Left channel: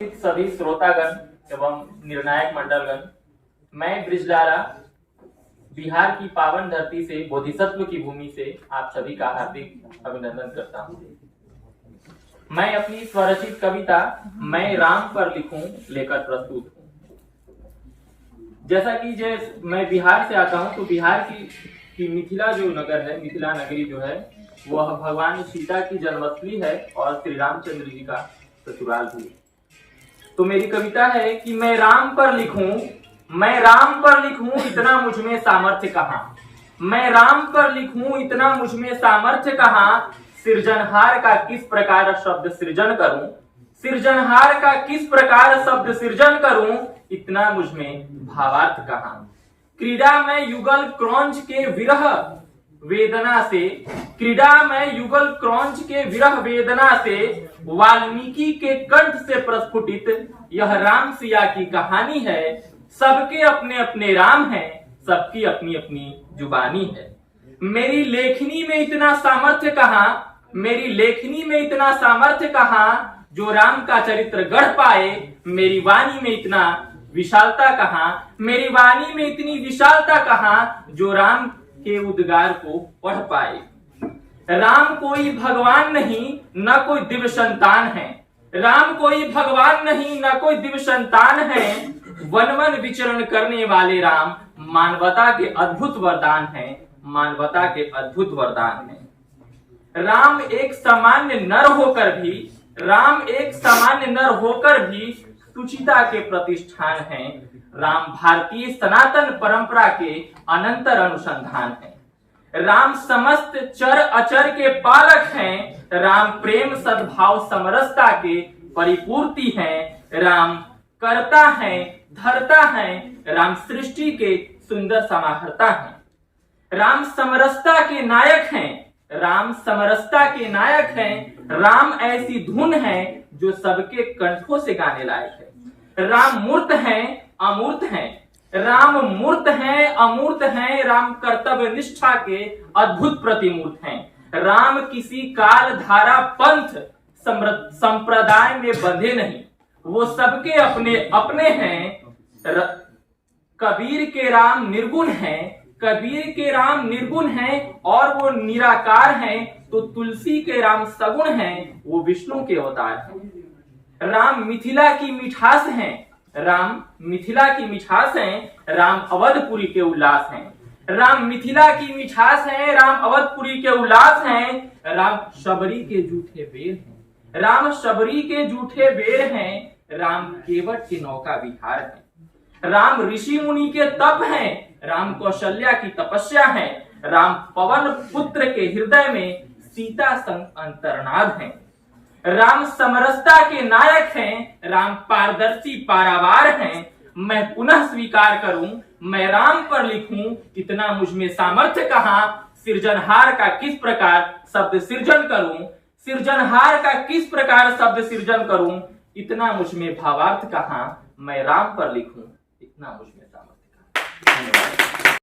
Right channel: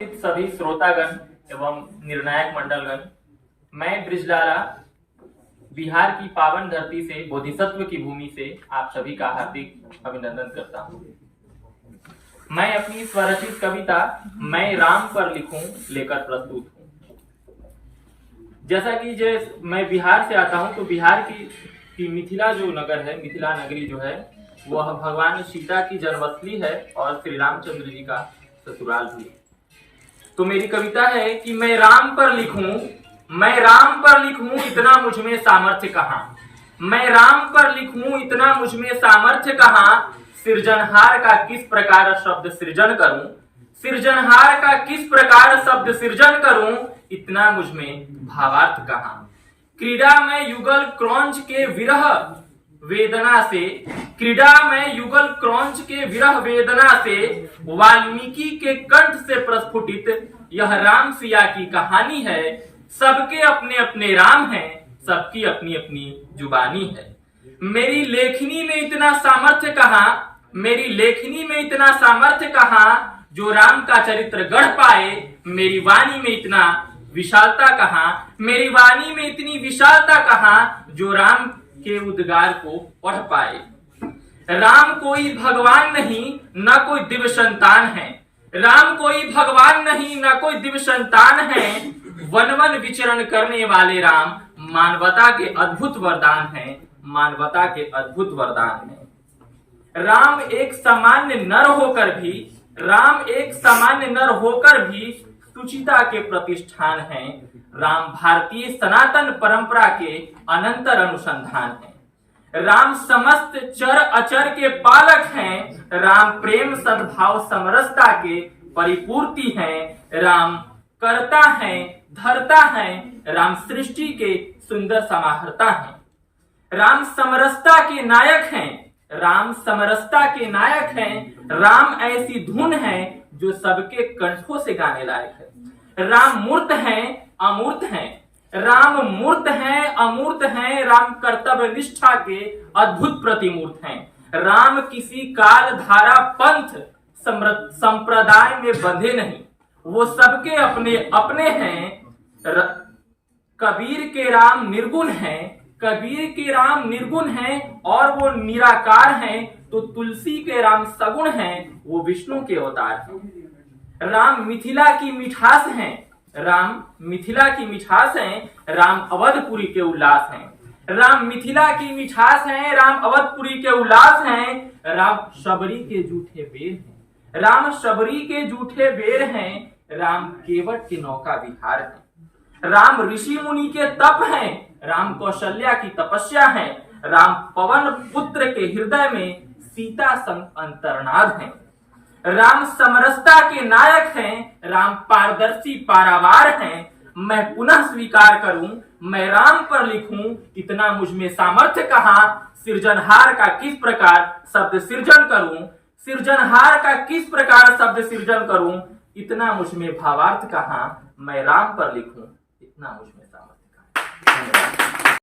सभी श्रोतागण एवं निर्णायक मंडलगण, मैं ब्रिजलारा बिहार की पावन धरती से बोधिसत्व की भूमि से आप सभी का हार्दिक अभिनंदन करता हूं। मैं अपनी स्वरचित कविता मैं राम पर लिखूं लेकर प्रस्तुत हूं। जैसा कि मैं बिहार से आता हूं, तो बिहार की मिथिला जो नगर है, मिथिला नगरी जो है, वह भगवान सीता की जन्मस्थली है और श्री रामचंद्र जी का ससुराल भी है। तो मेरी कविता है कि मैं राम पर लिखूं इतना मुझमें सामर्थ्य कहां। मैं राम पर लिखूं इतना मुझमें सामर्थ्य कहां। सृजनहार का किस प्रकार शब्द सृजन करूं, सृजनहार का किस प्रकार शब्द सृजन करूं, इतना मुझमें भावार्थ कहां। क्रीड़ा में युगल क्रौंच के विरह वेदना से, क्रीड़ा में युगल क्रौंच के विरह वेदना से, वाल्मीकि के कंठ से प्रस्फुटित यह राम सिया की कहानी है। सबके अपने अपने राम हैं, सबकी अपनी अपनी जुबानी है। मेरी लेखनी में इतना सामर्थ्य कहां, मेरी लेखनी में इतना सामर्थ्य कहां, जो राम का चरित्र गढ़ पाए। मेरी वाणी में इतना विशालता कहां, मेरी वाणी में इतनी विशालता कहां, जो राम के उद्गार को पढ़ पाए। राम कोई भगवान नहीं, न कोई दिव्य संतान है। राम कोई भगवान नहीं, न कोई दिव्य संतान है। वन वन विचरण करने वाले राम मानवता के अद्भुत वरदान हैं, मानवता के अद्भुत वरदान हैं। राम एक सामान्य नर होकर भी, राम एक सामान्य नर होकर भी सुचिता के प्रतिष्ठान हैं। राम भारतीय सनातन परंपरा के अनंतर अनुसंधान है। राम समस्त चर अचर के पालक हैं। राम प्रेम सद्भाव समरसता के परिपूर्ति हैं। राम करता है, धरता है, राम सृष्टि के सुंदर समाहर्ता हैं। राम समरसता के नायक हैं, राम समरसता के नायक हैं। राम ऐसी धुन है जो सबके कंठों से गाने लायक है। राम मूर्त हैं, अमूर्त हैं, राम मूर्त हैं, अमूर्त हैं। राम कर्तव्य निष्ठा के अद्भुत प्रतिमूर्त हैं। राम किसी काल धारा पंथ संप्रदाय में बंधे नहीं, वो सबके अपने अपने हैं। कबीर के राम निर्गुण हैं, कबीर के राम निर्गुण हैं और वो निराकार हैं। तो तुलसी के राम सगुण हैं, वो विष्णु के अवतार हैं। राम मिथिला की मिठास हैं, राम मिथिला की मिठास हैं। राम अवधपुरी के उल्लास हैं। राम मिथिला की मिठास हैं, राम अवधपुरी के उल्लास हैं। राम शबरी के जूठे बेर हैं, राम शबरी के जूठे बेर हैं। राम केवट के नौका विहार हैं। राम ऋषि मुनि के तप हैं, राम कौशल्या की तपस्या है। राम पवन पुत्र के हृदय में सीता संग अंतर्नाद हैं। राम समरसता के नायक हैं, राम पारदर्शी पारावार हैं। मैं पुनः स्वीकार करूं, मैं राम पर लिखूं इतना मुझमें सामर्थ्य कहां। सृजनहार का किस प्रकार शब्द सृजन करूं, सृजनहार का किस प्रकार शब्द सृजन करूं, इतना मुझमें भावार्थ कहां। मैं राम पर लिखूं इतना मुझमें सामर्थ्य कहां। धन्यवाद।